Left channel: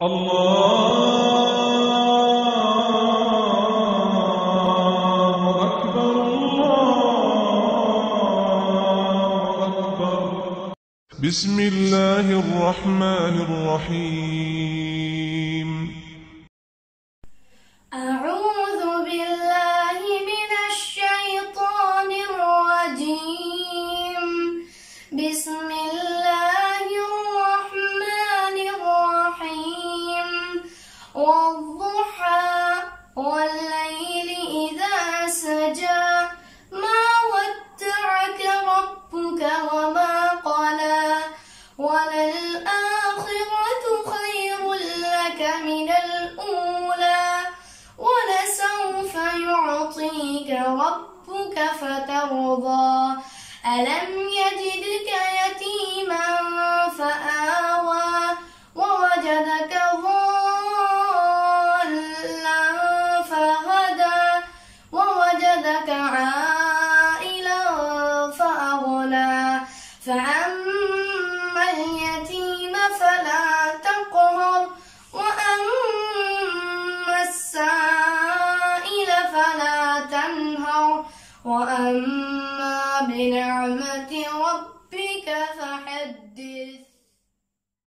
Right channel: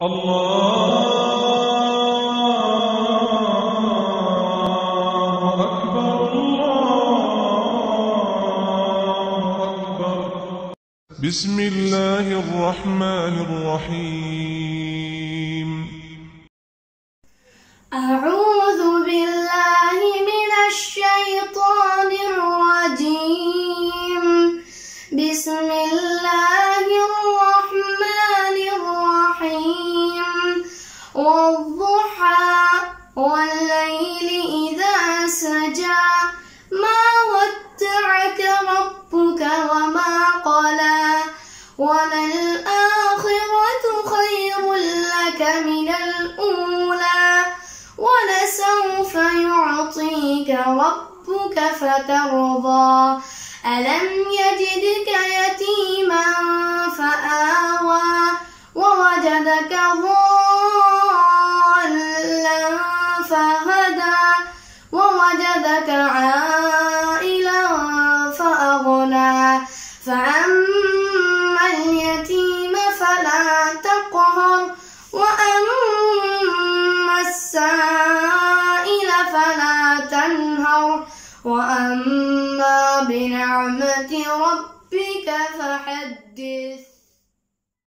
الله أكبر الله أكبر. بسم الله الرحمن الرحيم. أعوذ بالله من الشيطان الرجيم. بسم الله الرحمن الرحيم. والضحى والليل إذا سجى ما ودعك ربك وما قلى وللآخرة خير لك من الأولى ولسوف يعطيك ربك فترضى ألم يجدك يتيما فآوى ووجدك ضالا فهدى ووجدك عائلا فأغنى فأما اليتيم فلا تقهر وأما السائل فلا تنهر وأما بنعمة ربك فحدث.